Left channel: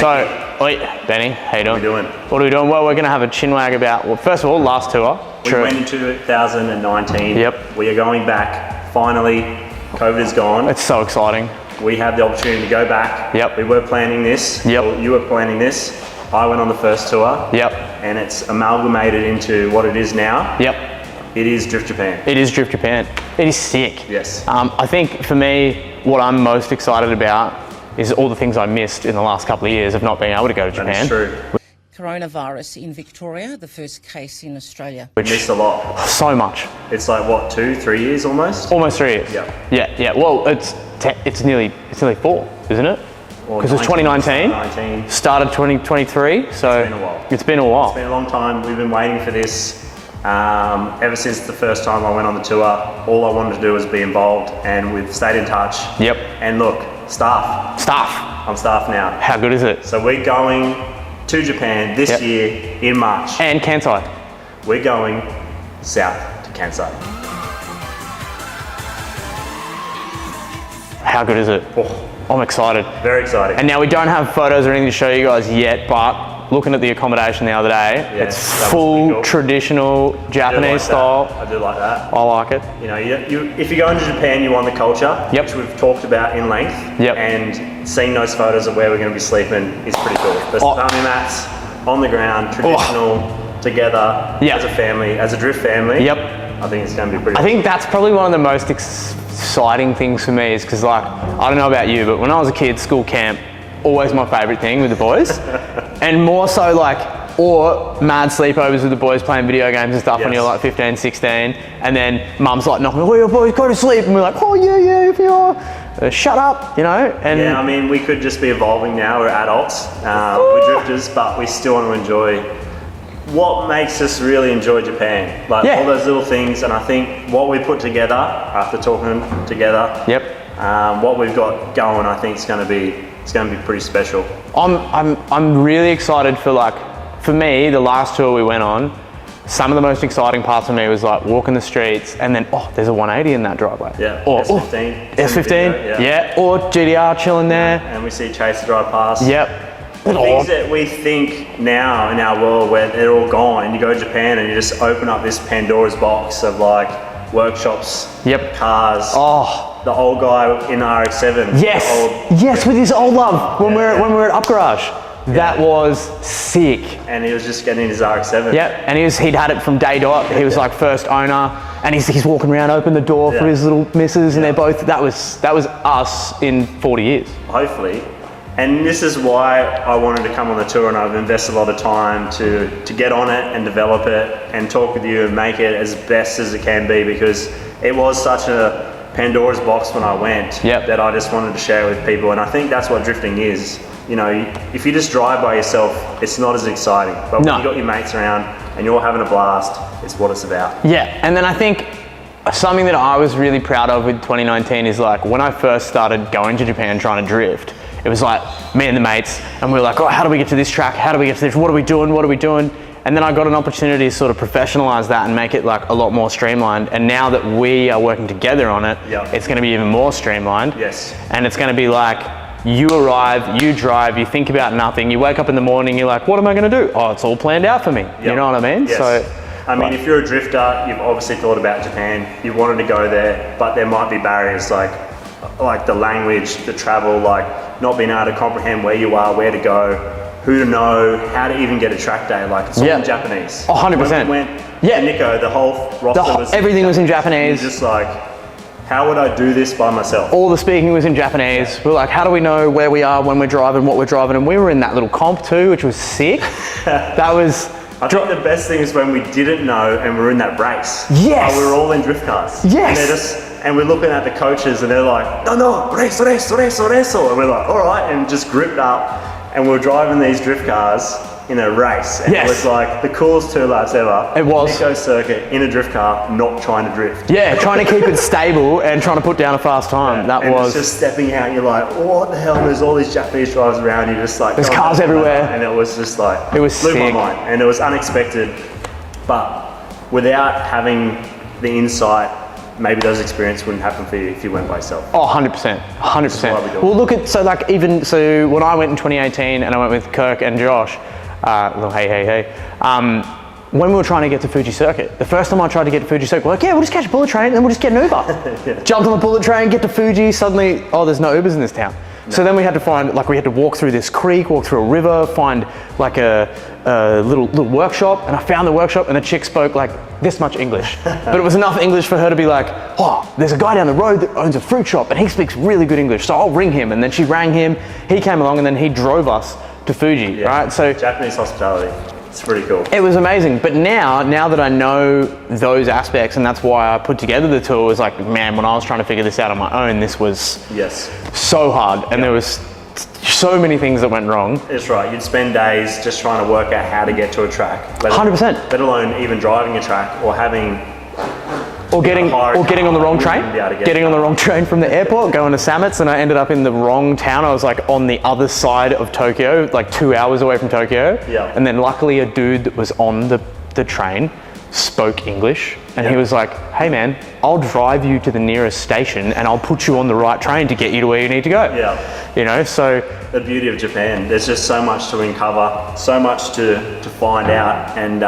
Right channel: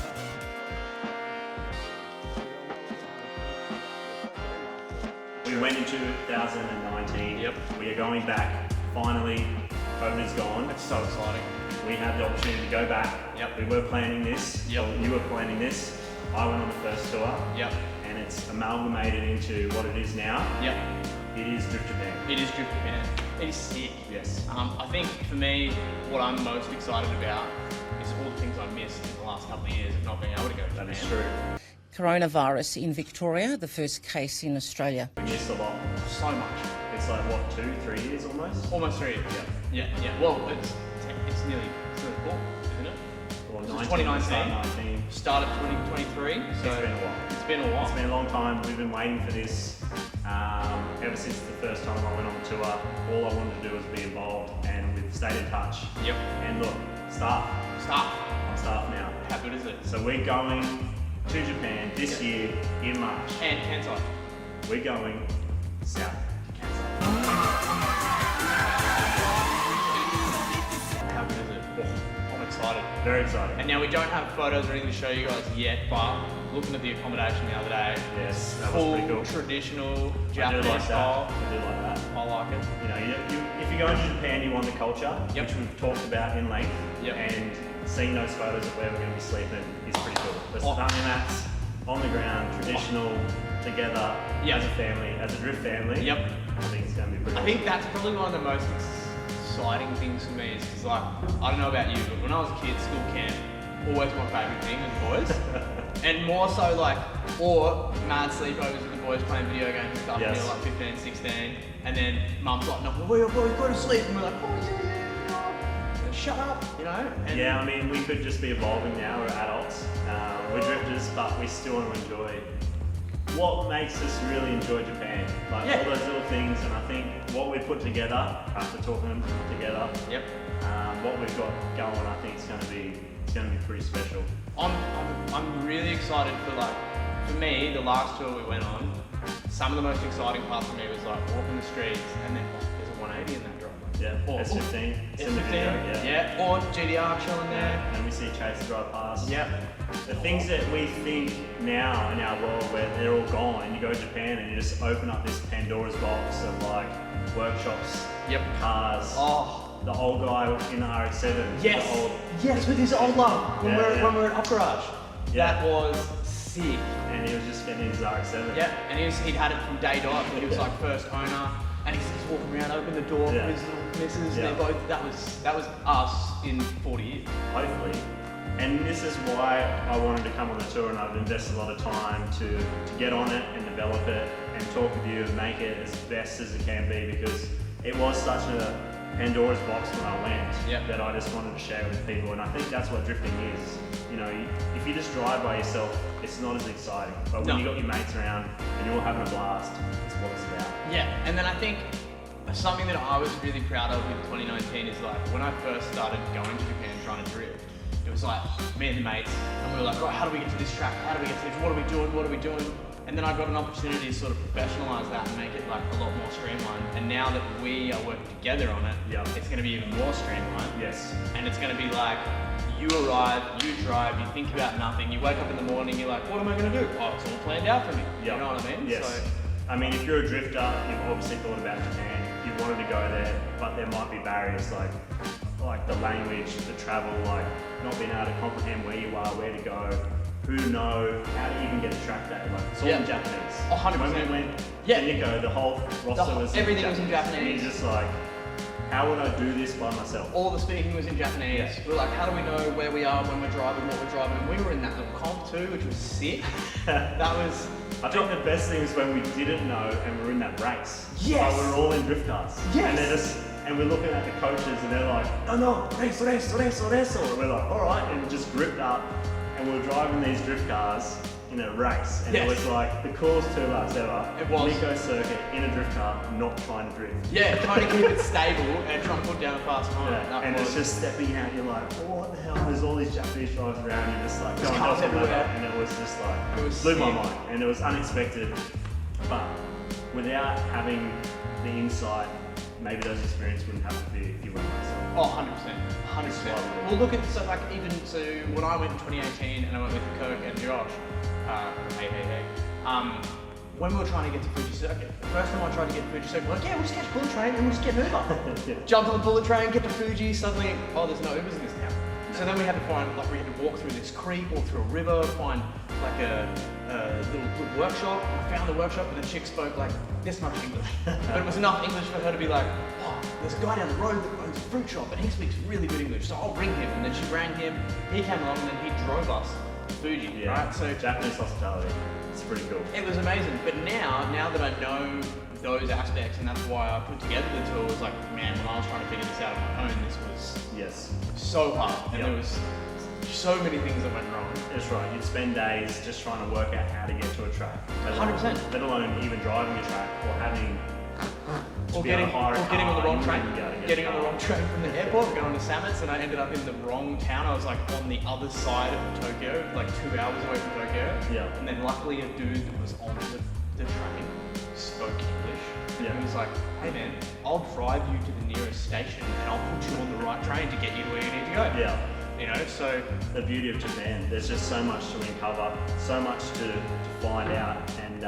Oi, Benny, how you doing? What are we doing? What are we doing? Well, we're going to have a chinwag about, well, first of all, last tour. We went in 2019. Yep. We are going back. Finally, COVID is gone. It's so exciting. We have the opportunity to go back. Yep. We were planning this. Yep. Or you were planning this. I went on the first tour. Yep. And it's amalgamated into what it is now. Yep. It is Drift Japan. It is Drift Japan. It is sick. Yes. I think for me, what I'm most excited about is all the things I missed in the last couple of years of not being able to go to Japan. That is true. Coronavirus in Victoria, the first case in Australia. We missed a lot. So much. It's like what, 2-3 years almost? Almost 3 years. Yeah. Yeah. Well, it's nearly 4, isn't it? Because it's 2019. Started 2023. So it's been a while. It's been a long time. We've been waiting for this. Ever since the first time I went on the tour, all I wanted to do was be involved, and we've stayed in touch. Yep. And look, staff. I'm staff now. How good is it? So we're going to Japan this year in March. And Kansai. We're going south to Kansai. How good is it? Oh, I'm excited. very exciting. And now we don't have photos or anything to show you guys yet, but looking at the accommodation the other day, it's full cool. Traditional Japanese style. I do like that. I like it. You know, if you're going to Japan, you want the culture, which we've talked about in length. And seeing those photos of where we're going to be sleeping is pretty cool. The tatami mats on the ground, traditional, together, as a family, as a drift family. I think it's going to be pretty I think that's probably one of the most exciting things for me is because, like, I don't know about you, but when I was a kid, school camp, always my favourite thing with the boys. And more so or mad sleepovers with the boys playing video games and stuff when you're like 15, 16. And then mum's like knocking, oh, your boys go to sleep. And we're like, oh yeah, if you're, shut up, you know? And yeah, I mean, we could just be evolving now. We're adults, we're drifters, but we still want to enjoy what makes us really enjoy Japan. Like all those little things. And I think what we put together after talking together, what we've got going, I think it's going to be pretty special. I'm really excited for me, the last tour we went on, some of the most exciting parts for me was like walking the streets and then, there's a 180 in that driveway. Yeah, or S15. S15, or GDR chilling there. And we see Chase drive past. The things that we think now in our world where they're all gone, and you go to Japan and you just open up this Pandora's box of like workshops, cars, the old guy in the RX-7. Yes, with his old love when we're at Up Garage. That was sick. And he was just getting his RX-7. And he'd had it from day dot. He was like first owner, and he's walking around, open the door for his little missus, and they're both. That was us in 40 years. Hopefully. And this is why I wanted to come on the tour, and I've invested a lot of time to get on it and develop it and talk with you and make it as best as it can be, because it was such a Pandora's box when I went that I just wanted to share with people. And I think that's what drifting is. You know, if you just drive by yourself, it's not as exciting. But when you got your mates around and you're having a blast, it's what it's about. And then I think something that I was really proud of with 2019 is like when I first started going to Japan trying to drift, it was like me and the mates, and we were like, oh, how do we get to this track? How do we get to this? What are we doing? And then I got an opportunity to sort of professionalize that and make it like a lot more streamlined. And now that we are working together on it, it's going to be even more streamlined. And it's going to be like, you arrive, you drive, you think about nothing, you wake up in the morning, you're like, what am I going to do? Oh, it's all planned out for me. You know what I mean? So, I mean, if you're a drifter, you've obviously thought about Japan, you wanted to go there, but there might be barriers like the language, the travel, like not being able to comprehend where you are, where to go, who to know, how to even get a track day. Like it's all in Japanese. 100%. When we went to Nikko, the whole roster was everything was in Japanese. Just like, how would I do this by myself? All the speaking was in Japanese. We're like, how do we know where we are when we're driving, what we're driving? And we were in that little comp too, which was sick. That was... I think the best thing is when we didn't know and we were in that race. We were all in drift cars. And we're looking at the coaches and they're like, no, reso. And we're like, all right, and just gripped up. And we're driving these drift cars in a race. And it was like the coolest 2 laps ever. It was. Nikko Circuit in a drift car, not trying to drift. Trying to keep it stable and trying to put down a fast time. That was just stepping out, you're like, what the hell? And there's all these Japanese drivers around you, just like there's cars everywhere. And it was just like, it was blew sick. my mind. And it was unexpected. But without having the insight maybe those experiences wouldn't happen for you if you went by yourself. Oh, 100%, 100%. why we do it. Well, look at, so when I went in 2018 and I went with Kirk and Josh, well, hey, when we were trying to get to Fuji Circuit, the first time I tried to get to Fuji Circuit, we're like, yeah, we'll just catch a bullet train and we'll just get an Uber. Jumped on the bullet train, get to Fuji, suddenly, oh, there's no Ubers in this town. No. So then we had to find, like we had to walk through this creek, walk through a river, find like a little workshop, and I found the workshop and the chick spoke like this much English. But it was enough English for her to be like, oh, there's a guy down the road that owns a fruit shop and he speaks really good English, so I'll ring him. And then she rang him, he came along and then he drove us to Fuji, right? So Japanese hospitality. It's pretty cool. It was amazing, but now that I know those aspects, and that's why I put together the tour, was like, man, when I was trying to figure this out on my own, this was so hard, and there was so many things that went wrong. It's right. You'd spend days just trying to work out how to get to a track. 100%. Let alone even driving a track or having. Getting on the wrong train. Getting on the wrong train from the airport, going to Samitz, and I ended up in the wrong town. I was like on the other side of Tokyo, like 2 hours away from Tokyo. Yeah. And then luckily a dude that was on the train spoke English, and he was like, hey man, I'll drive you to the nearest station and I'll put you on the right train to get you to where you need to go. Yeah. You know, so. The beauty of Japan, there's just so much to uncover, so much to find out, and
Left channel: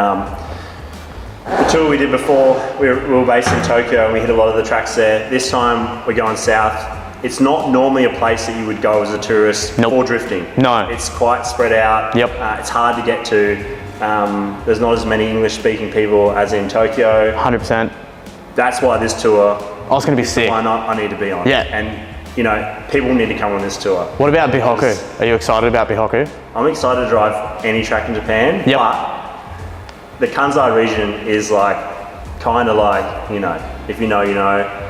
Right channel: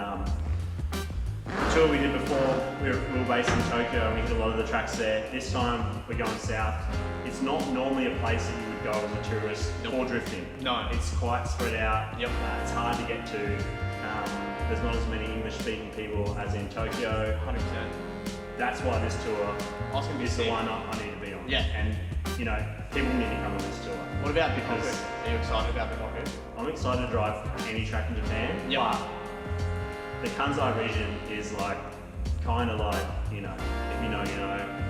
the tour we did before, we were based in Tokyo and we hit a lot of the tracks there. This time we're going south. It's not normally a place that you would go as a tourist or drifting. No. It's quite spread out. Yep. It's hard to get to. There's not as many English speaking people as in Tokyo. 100%. That's why this tour, I was going to be sick. why not, I need to be on. Yeah. And you know, people need to come on this tour. What about Bihoku? Are you excited about Bihoku? I'm excited to drive any track in Japan. Yep. But the Kansai region is like, kind of like, you know, if you know, you know,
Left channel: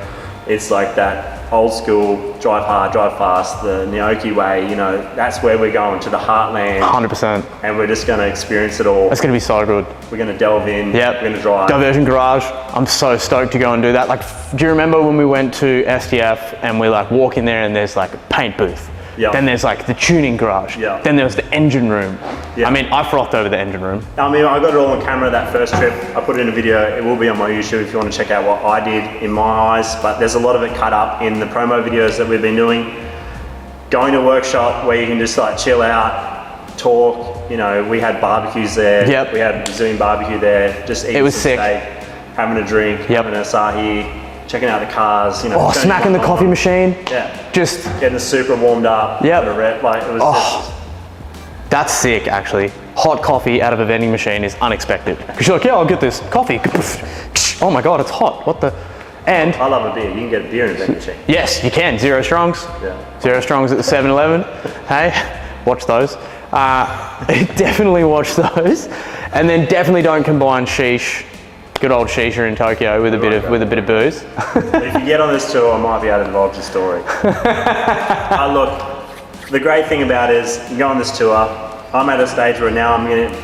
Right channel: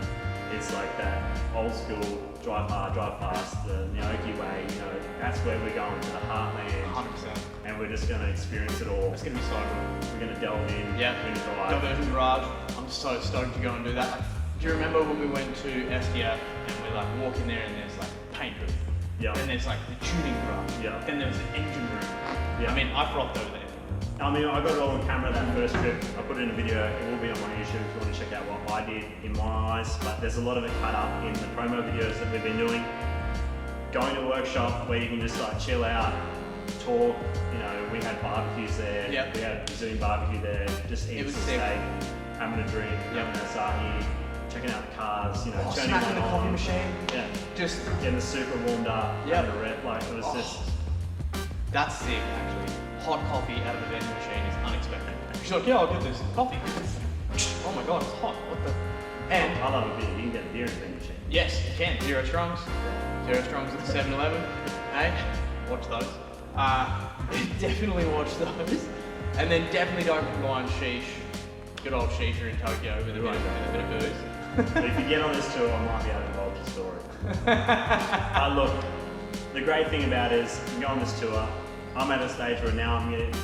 it's like that old school, drive hard, drive fast, the Naoki way, you know, that's where we're going, to the heartland. 100%. And we're just gonna experience it all. It's gonna be so good. We're gonna delve in, yep. We're gonna drive. Diversion Garage, I'm so stoked to go and do that. Like, do you remember when we went to SDF and we like walk in there and there's like a paint booth? Yep. Then there's like the tuning garage. Yep. Then there was the engine room. Yep. I mean, I frothed over the engine room. I mean, I got it all on camera that first trip. I put it in a video. It will be on my YouTube if you want to check out what I did in my eyes. But there's a lot of it cut up in the promo videos that we've been doing. Going to a workshop where you can just like chill out, talk. You know, we had barbecues there. Yep. We had Brazilian barbecue there. Just eating some steak, having a drink, having an Asahi. Checking out the cars, you know. Oh, smacking the coffee machine. Yeah. Just getting the Supra warmed up. Yep. Like it was just. That's sick, actually. Hot coffee out of a vending machine is unexpected. Because you're like, yeah, I'll get this coffee. Oh my God, it's hot. What the? And I love a beer. You can get a beer in a vending machine. Yes, you can. Zero Strongs. Yeah. Zero Strongs at the 7-Eleven. Hey, watch those. Definitely watch those. And then definitely don't combine sheesh. Good old shisha in Tokyo with a bit of booze. If you get on this tour, I might be able to divulge the story. Look, the great thing about it is you go on this tour. I'm at a stage where now I'm going to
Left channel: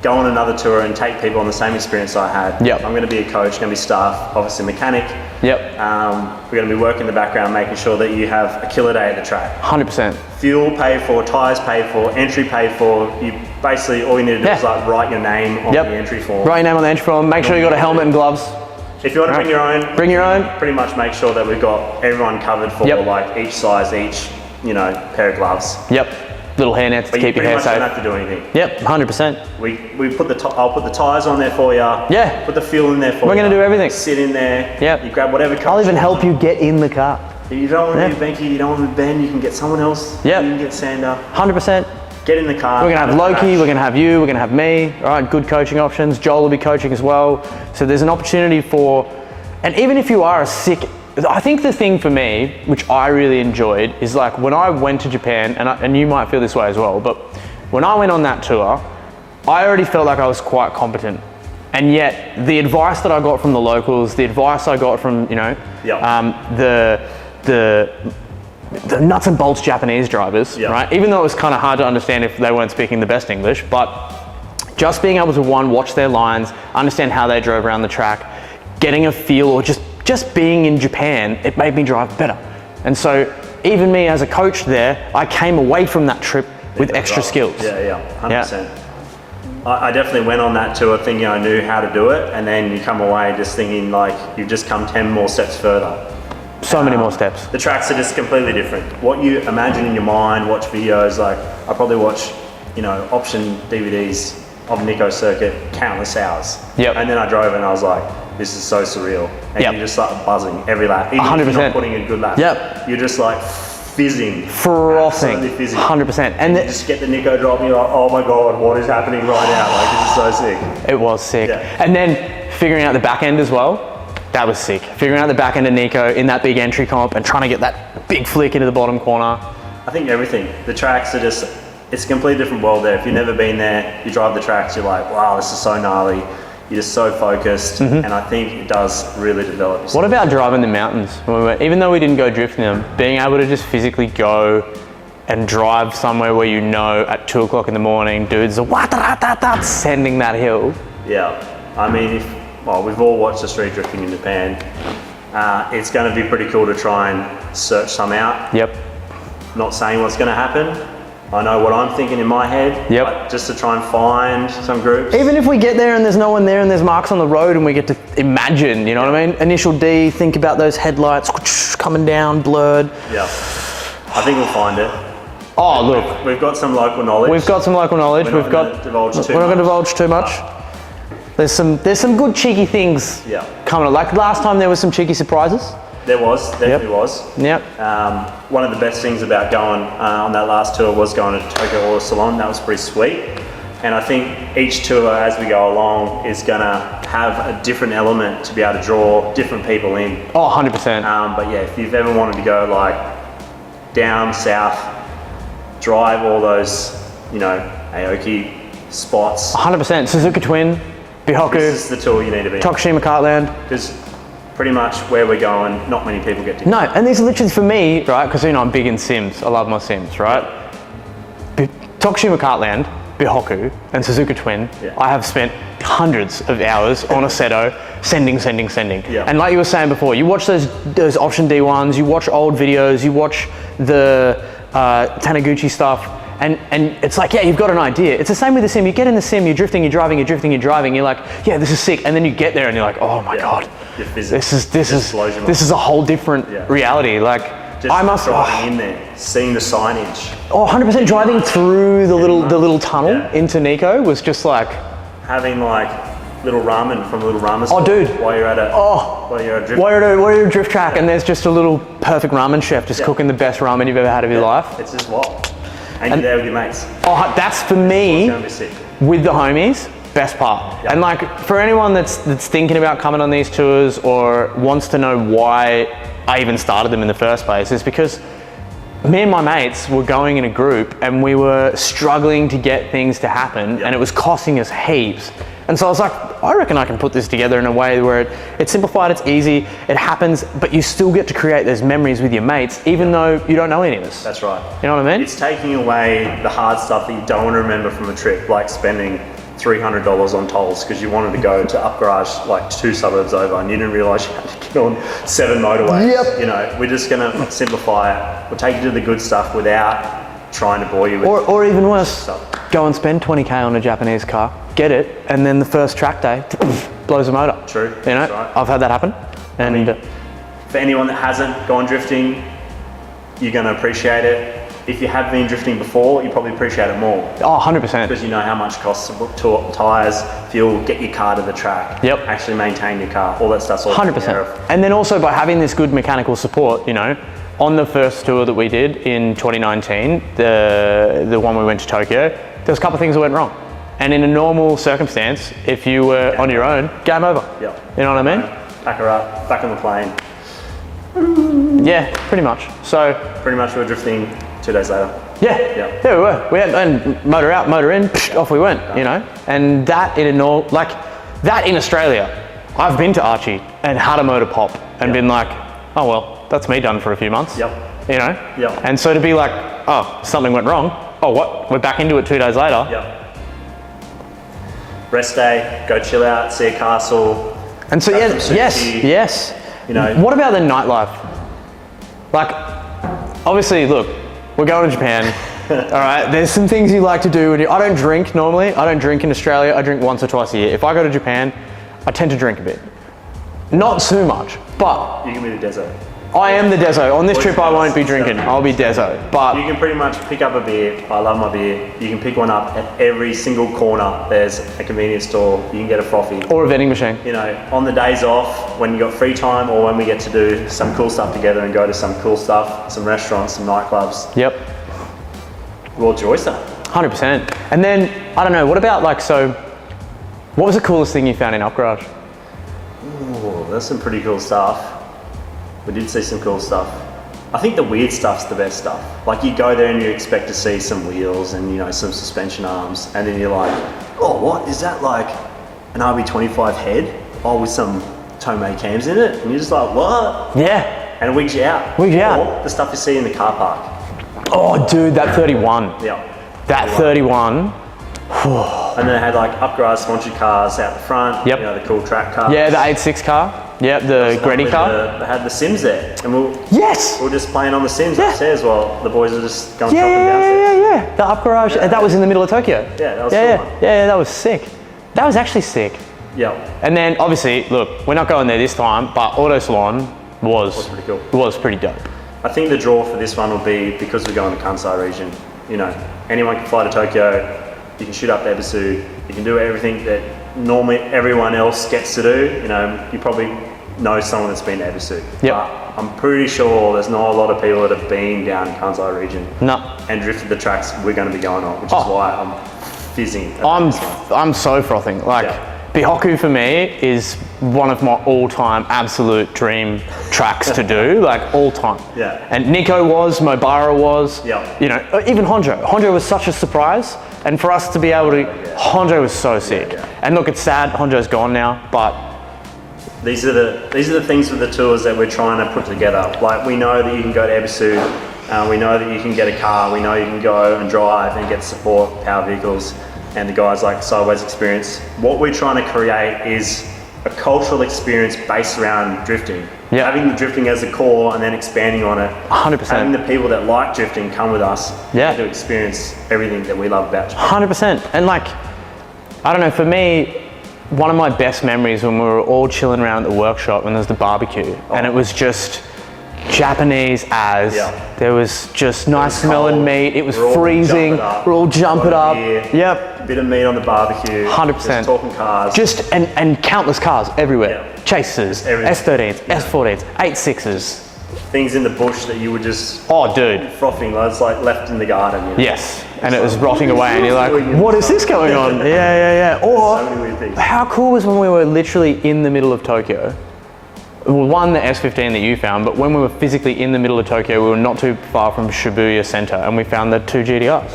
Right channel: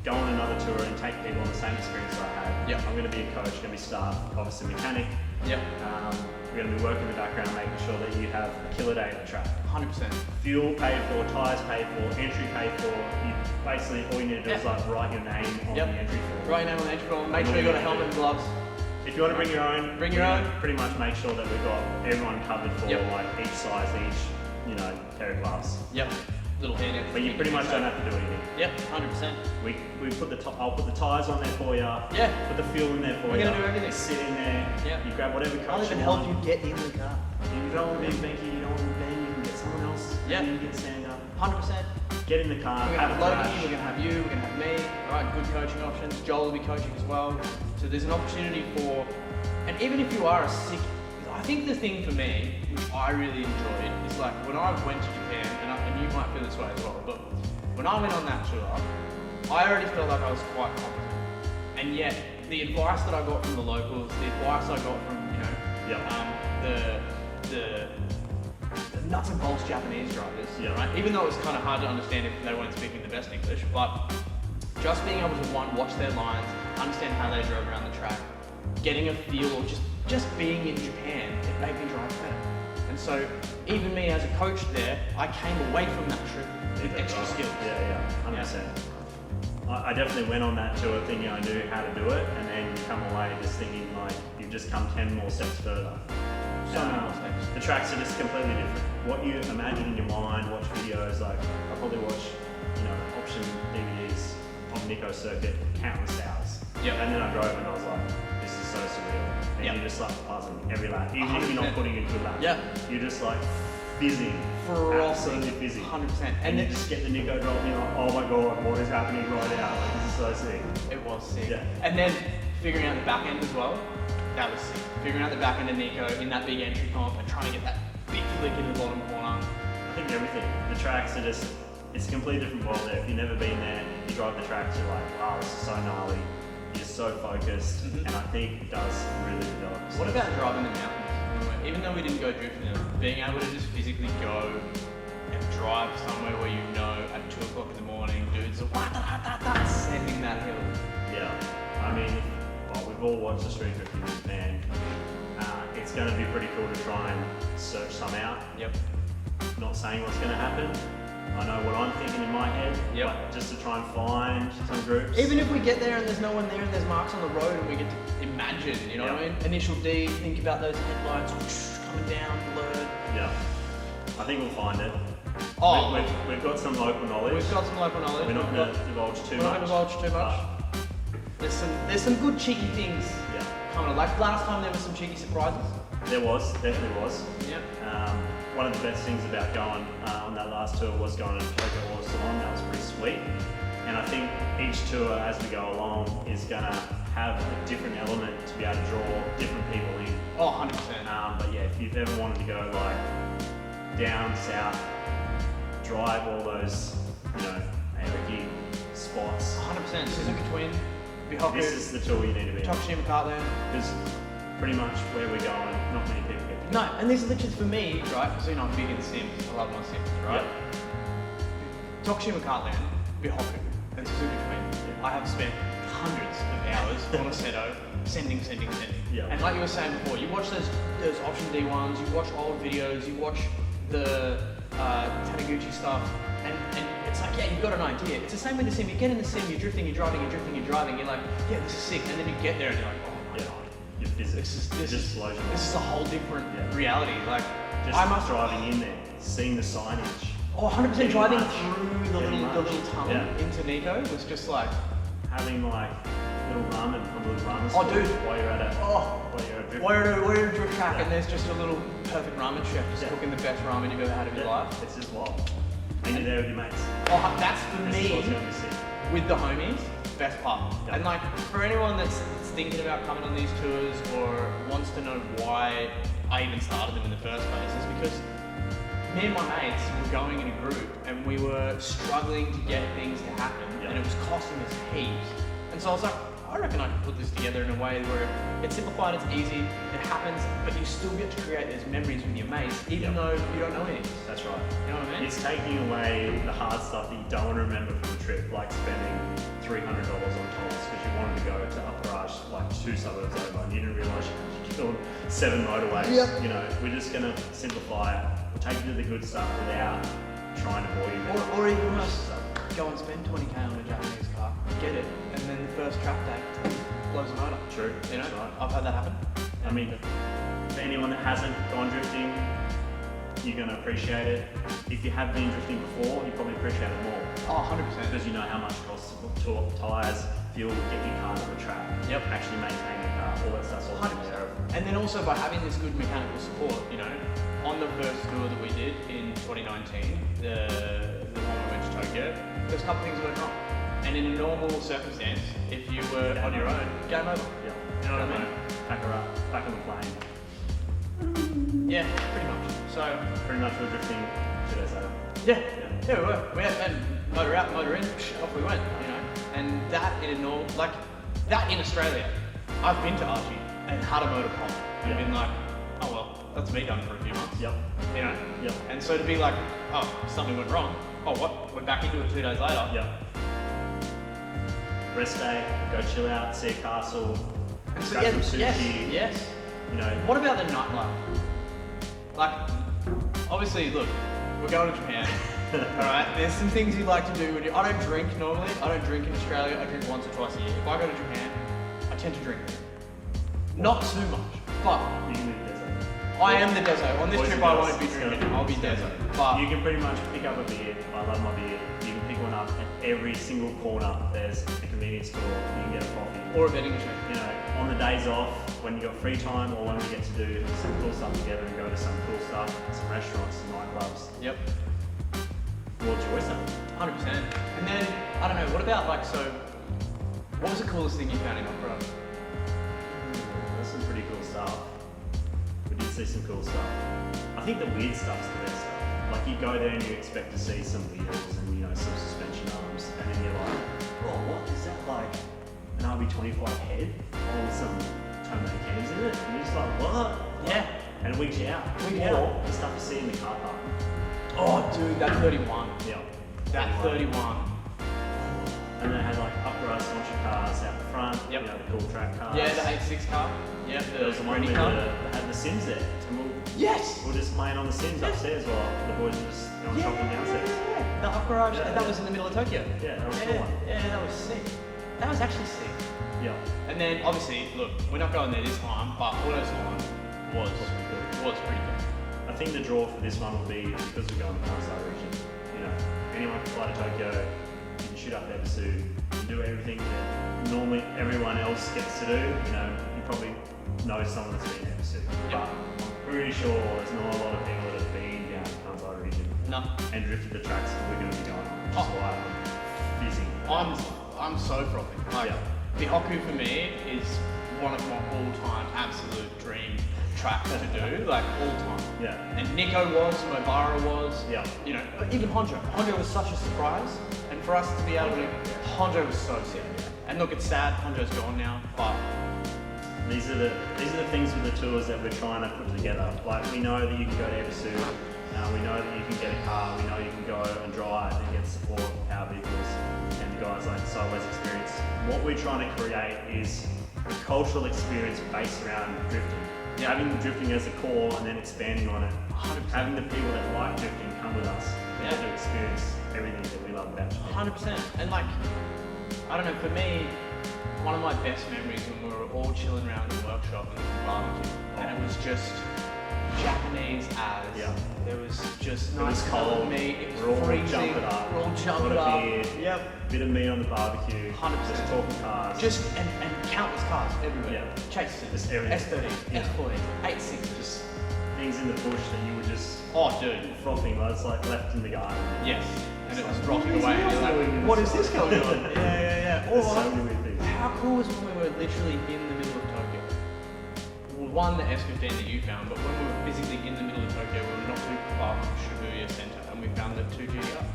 go on another tour and take people on the same experience I had. Yep. I'm going to be a coach, going to be staff, obviously mechanic. Yep. We're going to be working in the background, making sure that you have a killer day at the track. 100%. Fuel paid for, tyres paid for, entry paid for. You basically, all you need to do is like write your name on the entry form. Write your name on the entry form. Make sure you got a helmet and gloves. If you want to bring your own, pretty much make sure that we've got everyone covered for like each size, each pair of gloves. Yep. Little hair nets to keep your hair safe. But you pretty much don't have to do anything. Yep, 100%. I'll put the tyres on there for you. Yeah. Put the fuel in there for you. We're going to do everything. Sit in there. Yep. You grab whatever car. I'll even help you get in the car. If you don't want to do Benkei, you don't want to Ben, you can get someone else. Yep. You can get Sander. 100%. Get in the car. We're going to have Loki, we're going to have you, we're going to have me. All right, good coaching options. Joel will be coaching as well. So there's an opportunity for, and even if you are a sick, I think the thing for me, which I really enjoyed, is like when I went to Japan, and you might feel this way as well, but when I went on that tour, I already felt like I was quite competent. And yet, the advice that I got from the locals, the advice I got from, the nuts and bolts Japanese drivers, right? Even though it was kind of hard to understand if they weren't speaking the best English, but just being able to watch their lines, understand how they drove around the track, getting a feel, or just being in Japan, it made me drive better. And so even me as a coach there, I came away from that trip with extra skills. Yeah, 100%. I definitely went on that tour thinking I knew how to do it, and then you come away just thinking like you've just come 10 more steps further. So many more steps. The tracks are just completely different. What you imagine in your mind, watch videos, like I probably watch, option DVDs of Nikko Circuit countless hours. Yep. And then I drove and I was like, this is so surreal. And Yep. you just start buzzing every lap. Even 100%. if you're not putting a good lap. Yep. You're just like fizzing. Frothing. Absolutely fizzing. 100%. And you just get the Nikko drop and you're like, oh my God, what is happening right now? Like, this is so sick. It was sick. Yeah. And then figuring out the back end as well, that was sick. Figuring out the back end of Nikko in that big entry comp and trying to get that big flick into the bottom corner. I think everything. The tracks are just, it's a completely different world there. If you've never been there, you drive the tracks, you're like, wow, this is so gnarly. You're just so focused, and I think it does really develop. What about driving the mountains? Even though we didn't go drifting them, being able to just physically go and drive somewhere where at 2 o'clock in the morning, dudes are sending that hill. Yeah, I mean, we've all watched the street drifting in Japan. It's going to be pretty cool to try and search some out. Yep. Not saying what's going to happen. I know what I'm thinking in my head. Yep. But just to try and find some groups. Even if we get there and there's no one there and there's marks on the road and we get to imagine, you know what I mean? Initial D, think about those headlights coming down, blurred. Yeah. I think we'll find it. Oh, look. We've got some local knowledge. We've got some local knowledge. We're not going to divulge too much. There's some good cheeky things coming up. Like last time there was some cheeky surprises. There was, definitely was. Yep. One of the best things about going on that last tour was going to Tokyo Auto Salon. That was pretty sweet. And I think each tour as we go along is going to have a different element to be able to draw different people in. Oh, 100%. But yeah, if you've ever wanted to go like down south, drive all those, Aoki spots. 100%. Suzuka Twin, Bihoku, This is the tour you need to be. Tokushima Cartland. Because pretty much where we're going, not many people get to go. No, and these are literally for me, right? Because I'm big in sims. I love my sims, right? Tokushima Cartland, Bihoku, and Suzuka Twin. Yeah. I have spent hundreds of hours on a Seto, sending. Yeah. And like you were saying before, you watch those option D1s, you watch old videos, you watch the Taniguchi stuff, and it's like, yeah, you've got an idea. It's the same with the sim. You get in the sim, you're drifting, you're driving, you're like, yeah, this is sick. And then you get there and you're like, oh my God. This is a whole different reality. Like, Just driving in there, seeing the signage. Oh, 100% driving through the little tunnel into Nikko was just like having like little ramen from a little ramen store. Oh, dude. While you're at a drift. While you're at a drift track and there's just a little perfect ramen chef just cooking the best ramen you've ever had of your life. It's just what. And you're there with your mates. Oh, that's for me with the homies. Best part. Yep. And like for anyone that's thinking about coming on these tours or wants to know why I even started them in the first place, is because me and my mates were going in a group and we were struggling to get things to happen and it was costing us heaps. And so I was like, I reckon I can put this together in a way where it's simplified, it's easy, it happens, but you still get to create those memories with your mates, even though you don't know any of us. That's right. You know what I mean? It's taking away the hard stuff that you don't want to remember from a trip, like spending $300 on tolls because you wanted to go to Up Garage like 2 suburbs over and you didn't realise you had to get on 7 motorways. Yep. We're just going to simplify it. We'll take you to the good stuff without trying to bore you with or even worse, stuff. go and spend 20k on a Japanese car, get it, and then the first track day blows the motor. True. That's right. I've had that happen. And for anyone that hasn't gone drifting, you're going to appreciate it. If you have been drifting before, you probably appreciate it more. Oh, 100%. Because you know how much it costs to book tyres, fuel, get your car to the track, actually maintain your car, all that stuff's all 100%. And then also by having this good mechanical support, on the first tour that we did in 2019, the one we went to Tokyo, there was a couple of things that went wrong. And in a normal circumstance, if you were on your own, game over. Yeah. You know what I mean? Pack her up, back on the plane. Yeah, pretty much. So pretty much we were drifting 2 days later. Yeah, we were. We had and motor out, motor in, off we went. And that in Australia, I've been to Archie and had a motor pop and been like, oh well, that's me done for a few months. And so to be like, oh, something went wrong. Oh, what? We're back into it 2 days later. Rest day, go chill out, see a castle. And so yes. What about the nightlife? Like, obviously, look, we're going to Japan. All right, there's some things you like to do I don't drink normally. I don't drink in Australia. I drink once or twice a year. If I go to Japan, I tend to drink a bit. Not too much, but You can be the desert. I am the deso. On this trip, I won't be drinking. I'll be deso. But You can pretty much pick up a beer. I love my beer. You can pick one up at every single corner. There's a convenience store. You can get a frothy. or a vending machine. You know, on the days off, when you got free time, or when we get to do some cool stuff together and go to some cool stuff, some restaurants, some nightclubs, Yep, we'll enjoy stuff. 100%. And then I don't know. What about what was the coolest thing you found in Up Garage? Ooh, that's some pretty cool stuff. We did see some cool stuff. I think the weird stuff's the best stuff. Like you go there and you expect to see some wheels and some suspension arms, and then you're like, oh, what is that, like an RB25 head? Oh, with some Tomei cams in it, and you're just like, what? Yeah. And it wigs you out. Wigs you out. Or the stuff you see in the car park. Oh, dude, that 31. Yeah. That 31. And then they had like Up Garage sponsored cars out the front. Yep. You know, the cool track cars. Yeah, the 8.6 car. Yeah, the Greddy car. They had the Sims there, and Yes. we were just playing on the Sims upstairs while the boys were just going Yeah, shopping yeah, downstairs. yeah, yeah. The Up Garage. Yeah. That was in the middle of Tokyo. Yeah, that was yeah, cool. yeah, that was sick. That was actually sick. Yeah. And then obviously, look, we're not going there this time, but Auto Salon was pretty cool. was pretty dope. I think the draw for this one will be because we're going to Kansai region. You know, anyone can fly to Tokyo. You can shoot up to Ebisu. You can do everything that normally everyone else gets to do. You know, you probably know someone that's been to Ebisu. Yep. But I'm pretty sure there's not a lot of people that have been down in Kansai region No. and drifted the tracks we're going to be going on, which is why I'm fizzing. about this one. I'm so frothing. Like, Yeah. Bihoku for me is one of my all-time absolute dream tracks to do, like all time. Yeah. And Nikko was, Mobara was, Yeah. you know, even Honjo. Honjo was such a surprise, and for us to be able to, Honjo was so sick. Yeah. And look, it's sad, Honjo's gone now, but These are the things with the tours that we're trying to put together. Like we know that you can go to Ebisu, we know that you can get a car, we know you can go and drive and get support power vehicles, and the guys like Sideways Experience. What we're trying to create is a cultural experience based around drifting. Yeah. Having the drifting as a core and then expanding on it. 100%. Having the people that like drifting come with us Yeah. to experience everything that we love about drifting. 100%. And like, I don't know, for me, one of my best memories when we were all chilling around at the workshop and there was the barbecue, and it was just Japanese as. Yeah. There was just nice smelling cold. meat. It was We're all freezing. jumping up. We're all jumping up. Beer. Yep. Bit of meat on the barbecue. 100%. Just talking cars. Just and countless cars everywhere. Yeah. Chasers, Everything. S13s, S14s, 8.6s. things in the bush that you would just Oh, dude. frothing. It's like left in the garden. You know? Yes. And it was rotting away, and you're like, what is this going on? Yeah. Or So many weird things. how cool was when we were literally in the middle of Tokyo? Well, one, the S15 that you found, but when we were physically in the middle of Tokyo, we were not too far from Shibuya Center, and we found the two GTRs.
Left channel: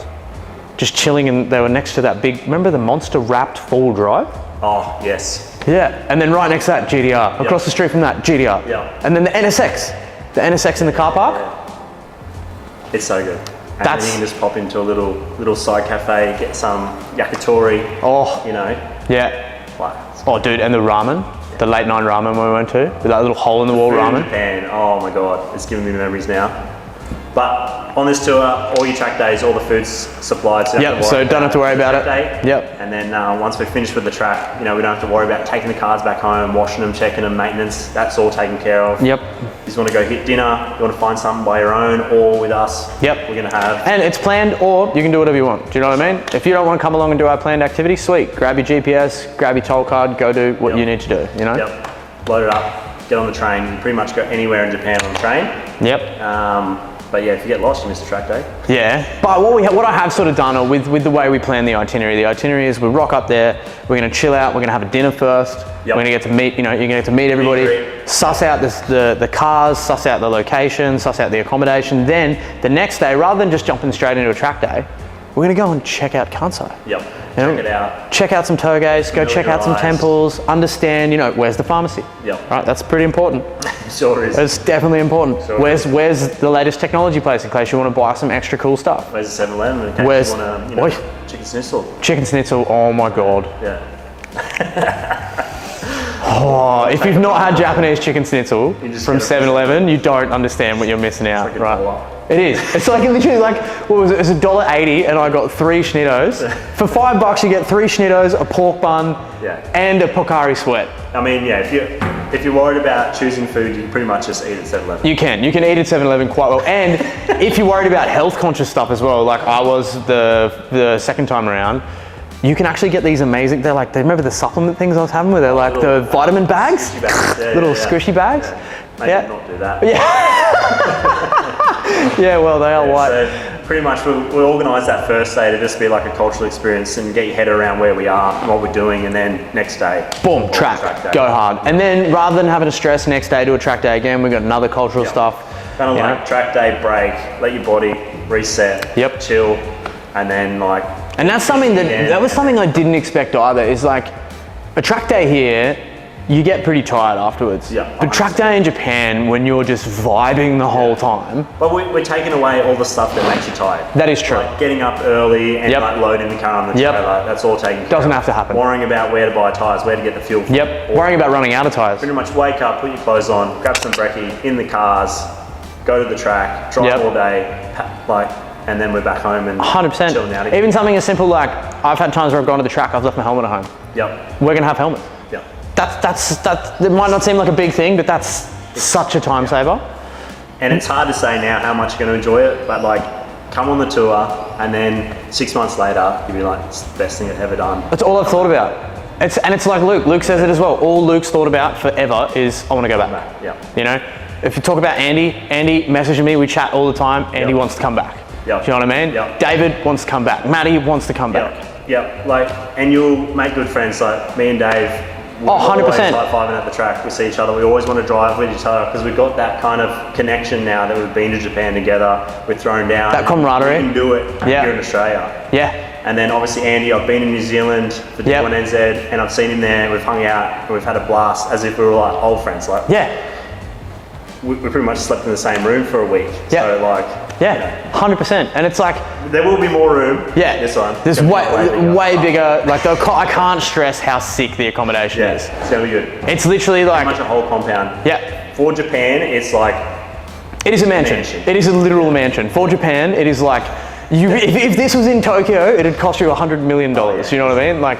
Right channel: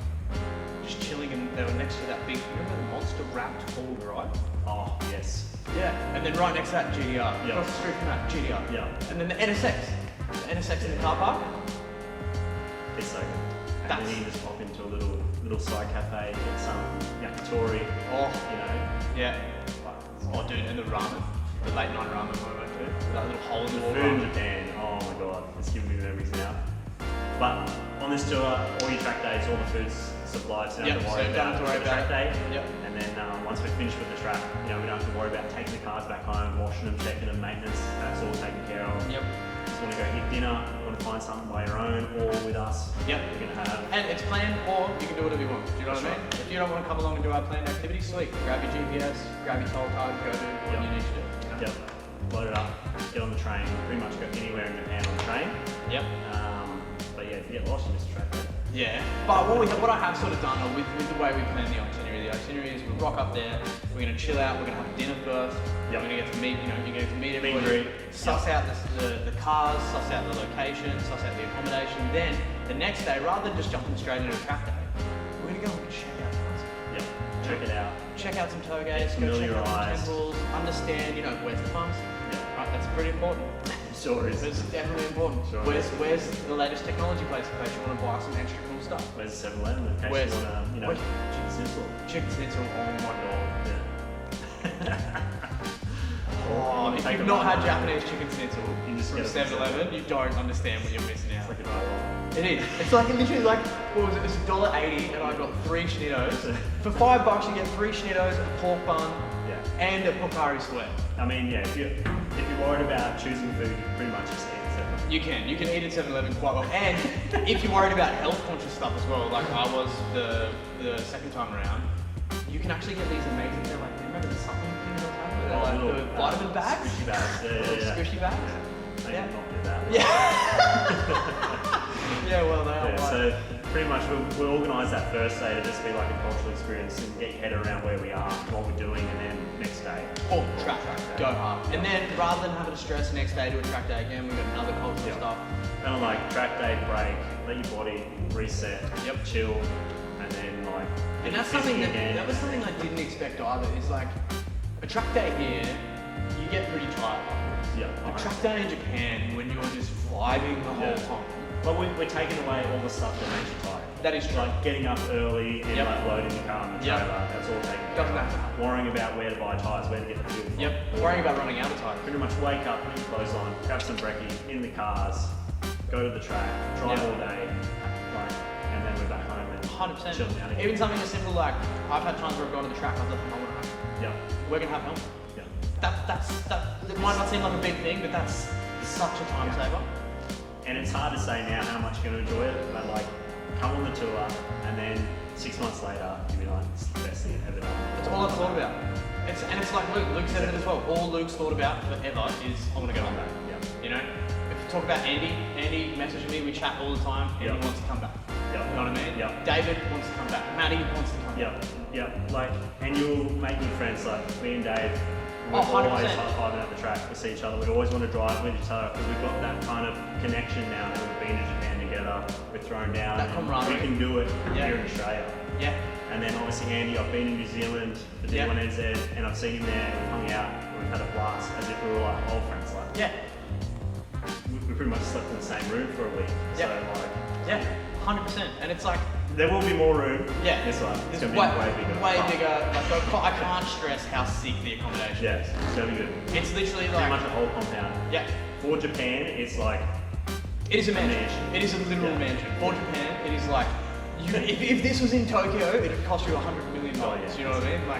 Just chilling, and they were next to that big, remember the monster wrapped four-wheel drive? Oh, yes. Yeah, and then right next to that, GTR. Across the street from that, GTR. Yeah. And then the NSX. The NSX in the car park. It's so good. And That's- then you can just pop into a little side cafe, get some yakitori, Oh, you know. yeah. Like, Oh, dude, and the ramen. The late night ramen we went to, with that little hole in the wall food in ramen. Japan, oh my god, it's giving me memories now. But on this tour, all your track days, all the food's supplied. So you Yep, so don't have to worry about track it. Day. Yep. And then once we're finished with the track, you know, we don't have to worry about taking the cars back home, washing them, checking them, maintenance. That's all taken care of. Yep. You just want to go hit dinner, you want to find something by your own or with us. Yep. We're going to have. And it's planned, or you can do whatever you want. Do you know what I mean? If you don't want to come along and do our planned activity, sweet. Grab your GPS, grab your toll card, go do what you need to do, you know? Yep. Load it up, get on the train. You can pretty much go anywhere in Japan on the train. Yep. But yeah, if you get lost, you miss the track day. Yeah, but what I have sort of done, or with the way we plan the itinerary is we rock up there, we're gonna chill out, we're gonna have a dinner first, Yep. we're gonna get to meet, you know, you're gonna get to meet everybody, Great. suss out the cars, suss out the location, suss out the accommodation. Then the next day, rather than just jumping straight into a track day, we're gonna go and check out Kansai. Yep. You know, Check it out. Check out some toges, go check out some Familiarise. temples, understand, you know, where's the pharmacy? Yep. Right, that's pretty important. Sure is. It's definitely important. Sure Where's the latest technology place in case you want to buy some extra cool stuff? Where's the 7-Eleven in case Where's- you want to, Oi. chicken schnitzel? Chicken schnitzel, oh my god. Yeah. Oh, if you've not had Japanese chicken schnitzel You just from gotta- 7-Eleven, you don't understand what you're missing out, Like a right? blow up. It is. It's like literally like, what was it? It's $1.80 and I got 3 schnittos. For $5 you get 3 schnittos, a pork bun, and a Pocari Sweat. I mean, yeah, if you're worried about choosing food, you pretty much just eat at 7-Eleven. You can eat at 7-Eleven quite well. And if you're worried about health conscious stuff as well, like I was the second time around, you can actually get these amazing, they're like, remember the supplement things I was having where they're like the vitamin bags? Little squishy bags? Maybe not do that. Yeah, well, they are white. So pretty much we'll organise that first day to just be like a cultural experience and get your head around where we are and what we're doing, and then next day, boom, track day. Go hard. And then rather than having to stress next day to a track day again, we've got another cultural stuff. Kind of like track day break, let your body reset, chill, and then like. And that's something that was something I didn't expect either. Is like a track day here, you get pretty tired afterwards. But track day in Japan, when you're just vibing the whole time. But we're taking away all the stuff that makes you tired. That is true. Like getting up early and like loading the car on the trailer, that's all taken. Doesn't have to happen. Worrying about where to buy tyres, where to get the fuel from. Worrying about running out of tyres. Pretty much wake up, put your clothes on, grab some brekkie in the cars, go to the track, drive all day, and then we're back home and 100%. chilling out again. Even something as simple like, I've had times where I've gone to the track, I've left my helmet at home. We're gonna have helmets. That's it might not seem like a big thing, but that's such a time saver. And it's hard to say now how much you're gonna enjoy it, but like, come on the tour and then 6 months later, you'll be like, it's the best thing I've ever done. That's all I've thought about. It's like Luke says it as well. All Luke's thought about forever is, I wanna go back. You know? If you talk about Andy messaging me, we chat all the time, Andy wants to come back. Do you know what I mean? David wants to come back. Maddie wants to come back. Like, and you'll make good friends, like me and Dave. We're 100%. always high-fiving at the track, we see each other, we always want to drive with each other because we've got that kind of connection now that we've been to Japan together, we're thrown down. That camaraderie. We can do it here in Australia. And then obviously Andy, I've been in New Zealand for D1NZ and I've seen him there, we've hung out, and we've had a blast as if we were like old friends. Like, we pretty much slept in the same room for a week. So like, 100%. And it's like, there will be more room. This one. There's way bigger. Like I can't stress how sick the accommodation is. It's gonna be good. It's literally like pretty much a whole compound. For Japan, it's like. It is a mansion. It is a literal mansion. For Japan, it is like, if this was in Tokyo, it'd cost you $100 million. You know what I mean? Like,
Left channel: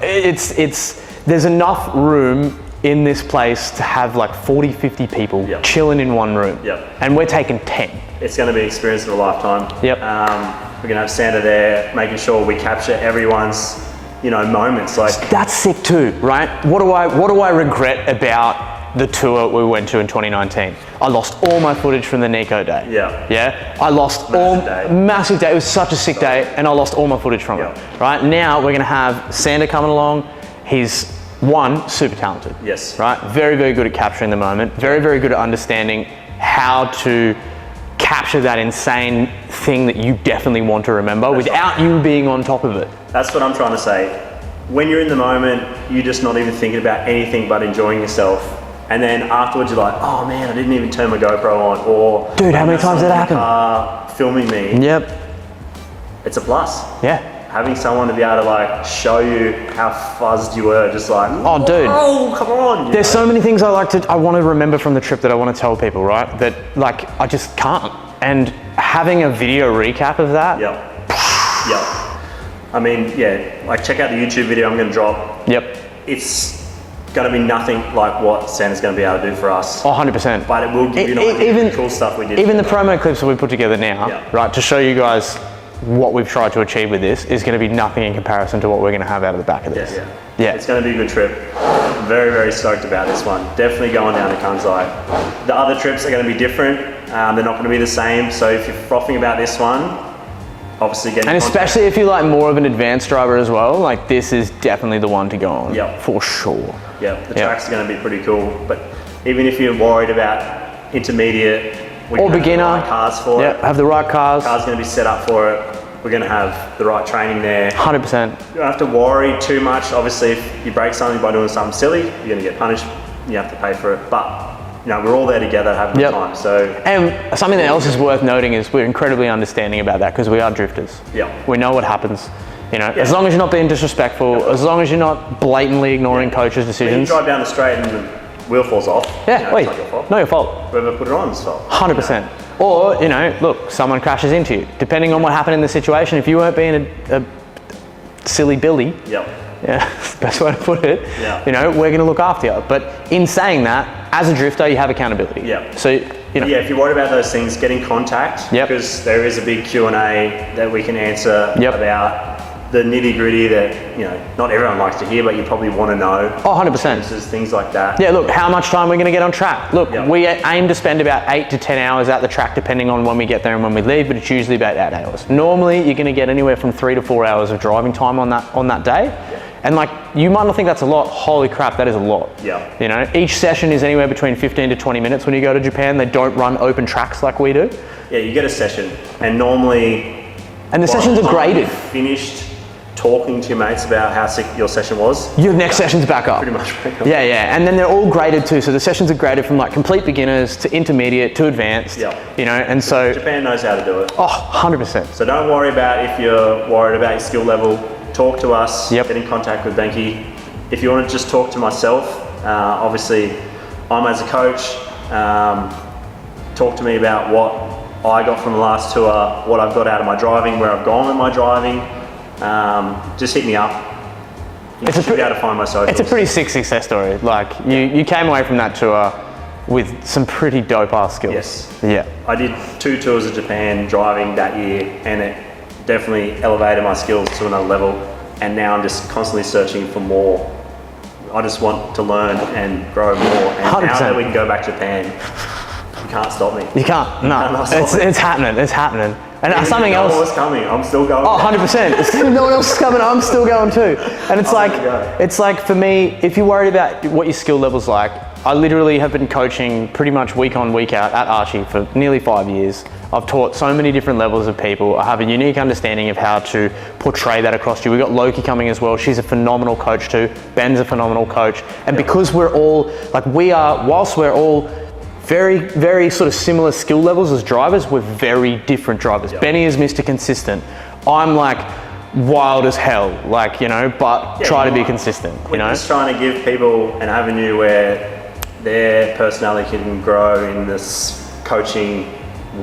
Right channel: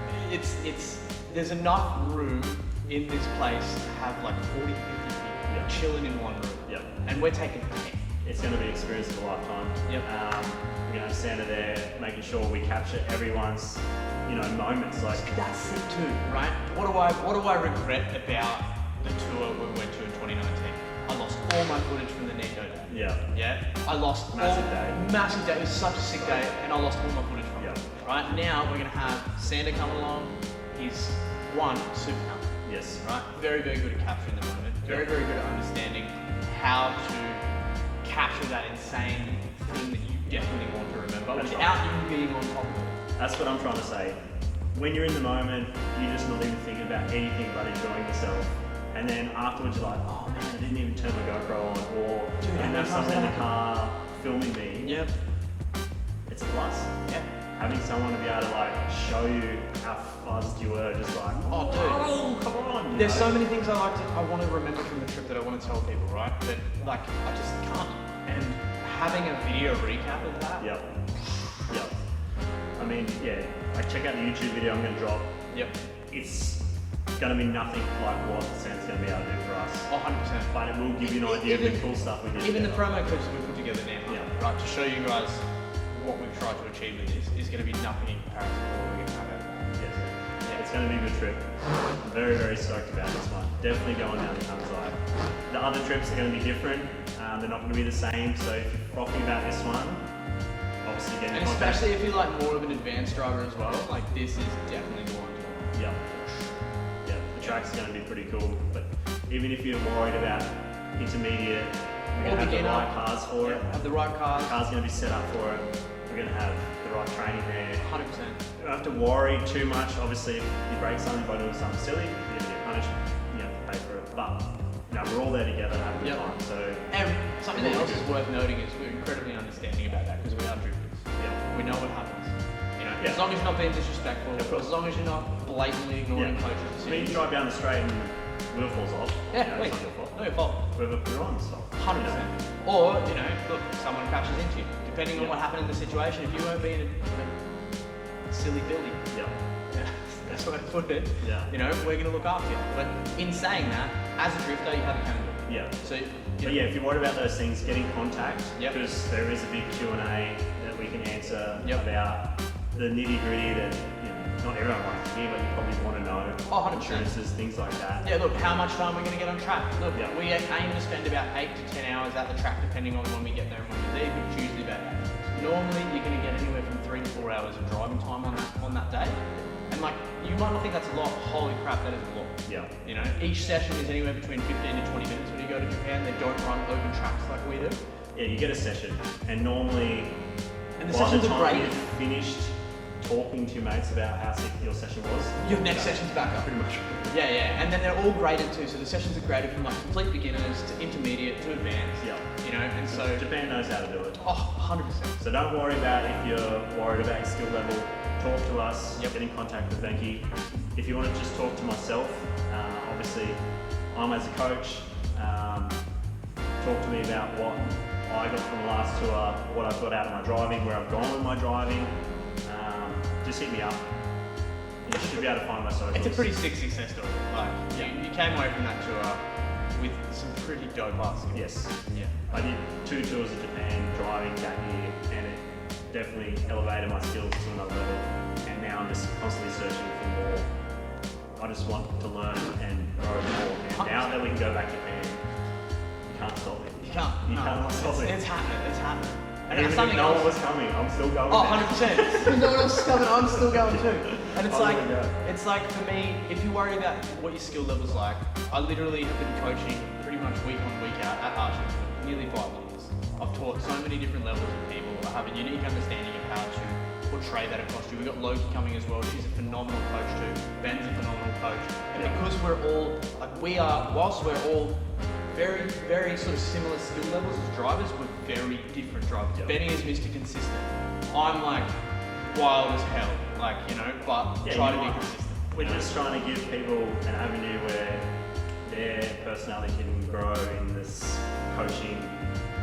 there's enough room in this place to have like 40, 50 people chilling in one room. And we're taking 10. It's going to be an experience of a lifetime. We're going to have Santa there, making sure we capture everyone's, moments. Like, that's sick too, right? What do I regret about the tour we went to in 2019? I lost all my footage from the Nikko day. I lost massive day. It was such a sick day, and I lost all my footage from it. Right now, we're going to have Santa coming along. He's super talented. Right? Very, very good at capturing the moment. Very, very good at understanding how to capture that insane thing that you definitely want to remember without you being on top of it. That's what I'm trying to say. When you're in the moment, you're just not even thinking about anything but enjoying yourself. And then afterwards you're like, oh man, I didn't even turn my GoPro on, or dude, how many times did that happen? Filming me. It's a plus. Having someone to be able to like show you how fuzzed you were, just like, oh dude, oh come on. There's so many things I want to remember from the trip that I want to tell people, right? That like I just can't. And having a video recap of that. I mean, like check out the YouTube video I'm gonna drop. It's gonna be nothing like what Santa's gonna be able to do for us. 100%. But it will give you even the cool stuff we did. Even the promo clips that we put together now, right, to show you guys what we've tried to achieve with this is going to be nothing in comparison to what we're going to have out of the back of this. It's going to be a good trip. Very, very stoked about this one. Definitely going down to Kansai. The other trips are going to be different. They're not going to be the same. So if you're frothing about this one, obviously get in contact. Especially if you're like more of an advanced driver as well, like this is definitely the one to go on. For sure. The track's going to be pretty cool. But even if you're worried about intermediate, or beginner, have the right cars for it. Have the right cars. The car's going to be set up for it. We're going to have the right training there. 100%. You don't have to worry too much. Obviously, if you break something by doing something silly, you're going to get punished. You have to pay for it. But we're all there together having a time. So, and something else is worth noting is we're incredibly understanding about that because we are drifters. We know what happens. As long as you're not being disrespectful, as long as you're not blatantly ignoring coaches' decisions. When you drive down the straight and wheel falls off. Yeah, wait, it's not your fault. not your fault. Whoever put it on is fault. 100%. Or, you know, look, someone crashes into you. Depending on what happened in the situation, if you weren't being a silly Billy, Yep. yeah, best way to put it, Yeah. you know, we're going to look after you. But in saying that, as a drifter, you have accountability. Yeah. So, you know. Yeah, if you're worried about those things, get in contact. Yep. Because there is a big Q&A that we can answer Yep. about the nitty gritty that, you know, not everyone likes to hear, but you probably want to know. Oh, 100%. Things like that. Yeah, look, how much time we're going to get on track? Look, Yep. we aim to spend about 8 to 10 hours at the track, depending on when we get there and when we leave, but it's usually about 8 hours. Normally, you're going to get anywhere from 3 to 4 hours of driving time on that day. And like, you might not think that's a lot. Holy crap, that is a lot. Yeah. You know, each session is anywhere between 15 to 20 minutes when you go to Japan. They don't run open tracks like we do. Yeah, you get a session, and normally... And the by sessions the are time graded. you've finished talking to your mates about how sick your session was, Your next session's back up. pretty much back up. Yeah, yeah, and then they're all graded too. So the sessions are graded from like complete beginners to intermediate to advanced. Yeah. You know, and so, Japan knows how to do it. oh, 100%. So don't worry about if you're worried about your skill level. Talk to us, Yep. get in contact with Benkei. If you want to just talk to myself, obviously I'm as a coach, talk to me about what I got from the last tour, what I've got out of my driving, where I've gone in my driving. Just hit me up. You should be able to find my socials. It's a pretty sick success story. Like, you came away from that tour with some pretty dope ass skills. Yes. Yeah. I did 2 tours of Japan driving that year, and it definitely elevated my skills to another level. And now I'm just constantly searching for more. I just want to learn and grow more. And 100%. now that we can go back to Japan, you can't stop me. You can't, no. cannot stop It's happening, it's happening. And Even something if no else. one was coming, I'm still going. Oh, 100%. No one else is coming, I'm still going too. And it's like for me, if you're worried about what your skill level's like, I literally have been coaching pretty much week on, week out at Archie for nearly 5 years. I've taught so many different levels of people. I have a unique understanding of how to portray that across to you. We've got Loki coming as well. She's a phenomenal coach too. Ben's a phenomenal coach. And because we're all, whilst we're all very, very sort of similar skill levels as drivers, we're very different drivers. Yep. Benny is Mr. Consistent. I'm like wild as hell, like, you know, but try to be consistent, you We're know? just trying to give people an avenue where their personality can grow in this coaching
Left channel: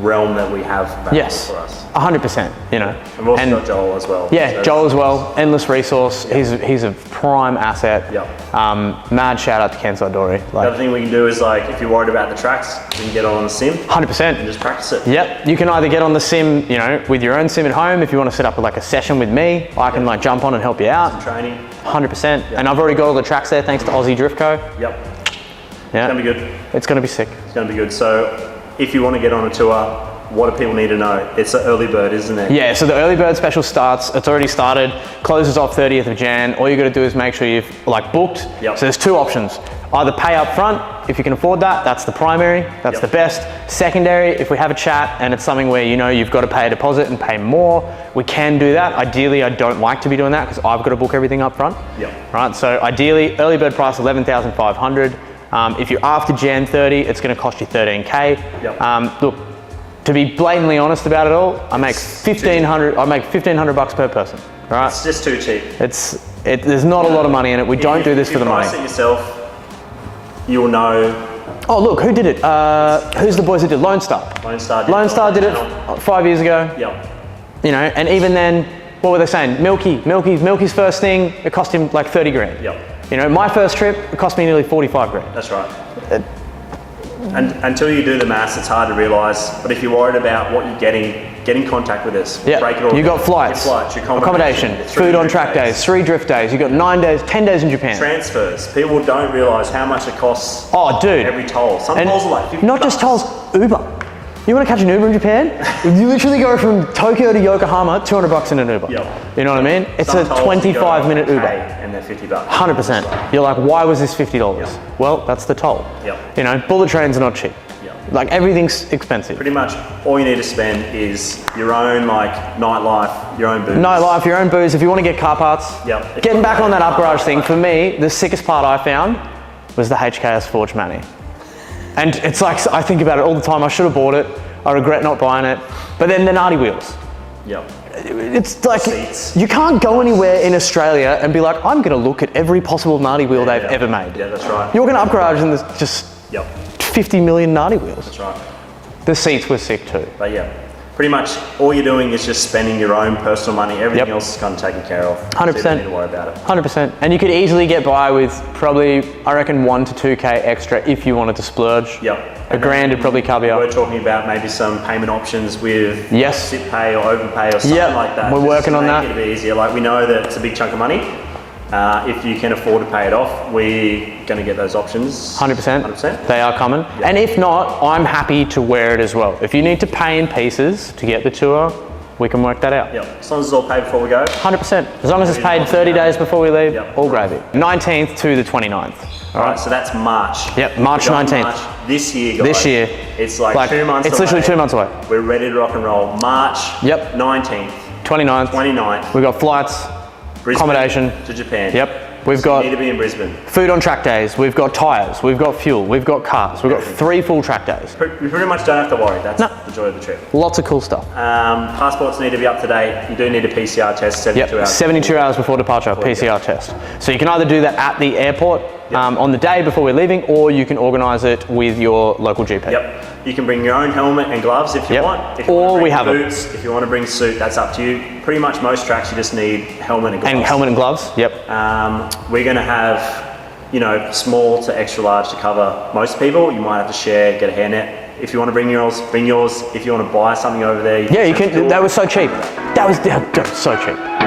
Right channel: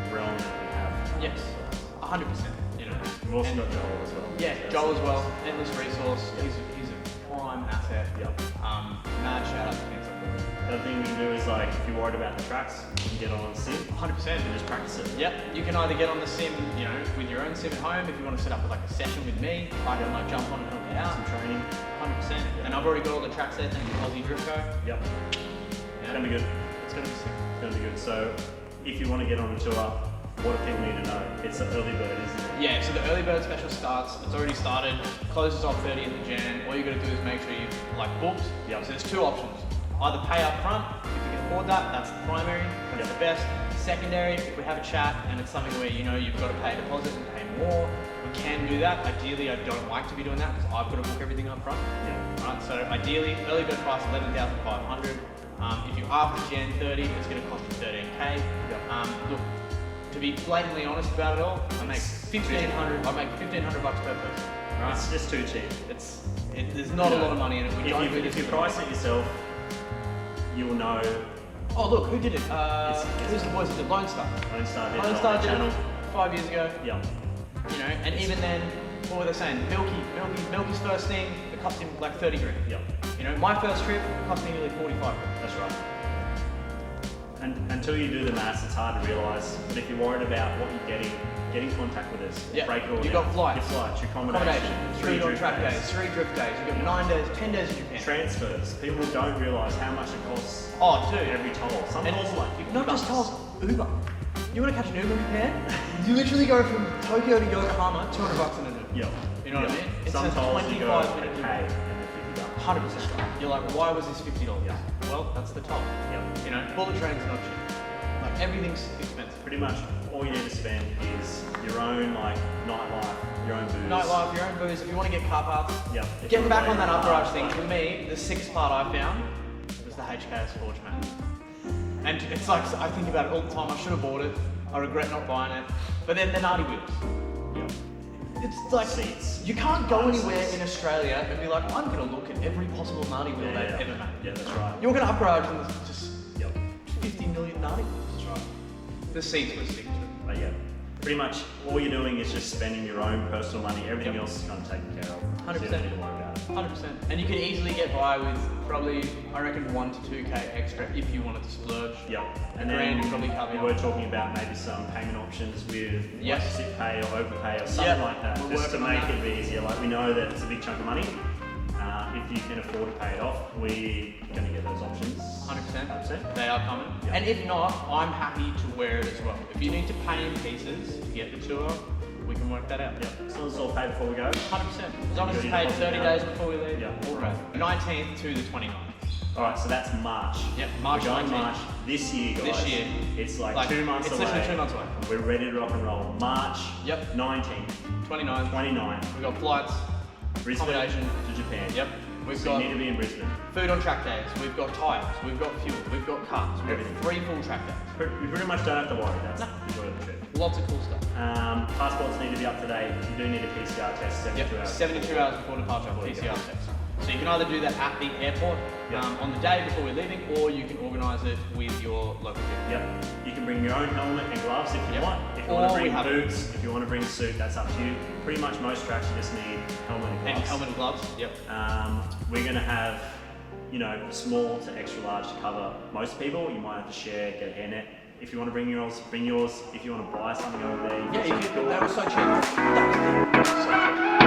realm that we have available Yes, for us. 100%, you know? And we've also got Joel as well. Yeah, So Joel as well, endless resource. He's a prime asset. Yep. Mad shout out to Kensai Dori. The other thing we can do is, like, if you're worried about the tracks, you can get on the sim 100%. and just practice it. Yep, you can either get on the sim, you know, with your own sim at home. If you want to set up like a session with me, I can like jump on and help you out. Training. 100%. And I've already got all the tracks there thanks to Aussie Drift Co. Yep. Yeah, It's gonna be good. it's gonna be sick. It's gonna be good. So if you want to get on a tour, what do people need to know? It's an early bird, isn't it? Yeah, so the early bird special starts, it's already started, closes off 30th of Jan. All you gotta do is make sure you've like booked. Yep. So there's 2 options. Either pay up front, if you can afford that, that's the primary, that's Yep. the best. Secondary, if we have a chat and it's something where you know you've got to pay a deposit and pay more, we can do that. Ideally, I don't like to be doing that because I've got to book everything up front. Yep. Right, so ideally, early bird price 11,500. If you're after Jan 30, it's gonna cost you 13K. Yep. Look, to be blatantly honest about it all, I make 1,500. I make 1,500 bucks per person. Right? It's just too cheap. There's not a lot of money in it. We don't do this for the money. If you price it yourself, you'll know. Oh look, who did it? Who's the boys that did Lone Star? Lone Star did it 5 years ago. Yep. You know, and even then, what were they saying? Milky's first thing, it cost him like 30 grand. Yep. You know, my first trip, it cost me nearly 45 grand. That's right. And until you do the maths, it's hard to realise. But if you're worried about what you're getting, get in contact with us. Yeah, Break it all you got down. flights, your accommodation, food on track days, 3 drift days. You got 9 days, 10 days in Japan. Transfers. People don't realise how much it costs. Oh, dude. Every toll. Some And tolls are like 50 not just bucks. tolls, Uber. You want to catch an Uber in Japan? You literally go from Tokyo to Yokohama, 200 bucks in an Uber. Yep. You know what I mean? It's Some a tolls you go 25-minute Uber. pay and they're 50 bucks. 100%. You're like, why was this $50? Yep. Well, that's the toll. Yep. You know, bullet trains are not cheap. Yep. Like everything's expensive. Pretty much all you need to spend is your own like nightlife, your own booze. Nightlife, your own booze. If you want to get car parts, Yep. getting back on that up garage thing, for me, the sickest part I found was the HKS Forge Manny. And it's like, I think about it all the time. I should have bought it. I regret not buying it. But then the Nardi wheels. Yep. it's like, Seats. you can't go anywhere in Australia and be like, I'm gonna look at every possible Nardi wheel they've ever made. Yeah, that's right. You're gonna upgrade and there's just Yep, 50 million Nardi wheels. that's right. The seats were sick too. But yeah, pretty much all you're doing is just spending your own personal money. Everything Yep. else is kind of taken care of. 100%. So you don't need to worry about it. 100%. And you could easily get by with probably, I reckon, 1 to 2K extra if you wanted to splurge. Yep. A grand would probably cover you We're up. talking about maybe some payment options with Yes. sit pay or overpay or something Yep, like that. we're just working to on make that. it a bit easier. Like we know that it's a big chunk of money. If you can afford to pay it off, we're going to get those options. 100%. 100%. They are common. And if not, I'm happy to wear it as well. If you need to pay in pieces to get the tour, we can work that out. Yep. As long as it's all paid before we go. 100%. As long as it's paid 30 days before we leave, Yep. all gravy. 19th to the 29th. All right, so that's March. Yep, March We got 19th. March this year, guys. This year. It's like 2 months It's away. literally 2 months away. We're ready to rock and roll. March Yep. 19th, 29th. 29th, We've got flights, Brisbane accommodation. to Japan. Yep. We've So got you need to be in Brisbane. food on track days, we've got tyres, we've got fuel, we've got cars, we've got 3 full track days. You pretty much don't have to worry. That's No. the joy of the trip. Lots of cool stuff. Passports need to be up to date. You do need a PCR test 72 Yep, hours. 72 hours before departure, PCR test. So you can either do that at the airport on the day before we're leaving, or you can organise it with your local GP. Yep. You can bring your own helmet and gloves if you Yep. want. If you Or want to bring we have 'em. boots, if you want to bring suit, that's up to you. Pretty much most tracks you just need helmet and gloves. And helmet and gloves, yep. We're going to have, small to extra large to cover most people. You might have to share, get a hairnet. If you want to bring yours, bring yours. If you want to buy something over there, Yeah, you send it can, to that them. was so cheap. That was so cheap.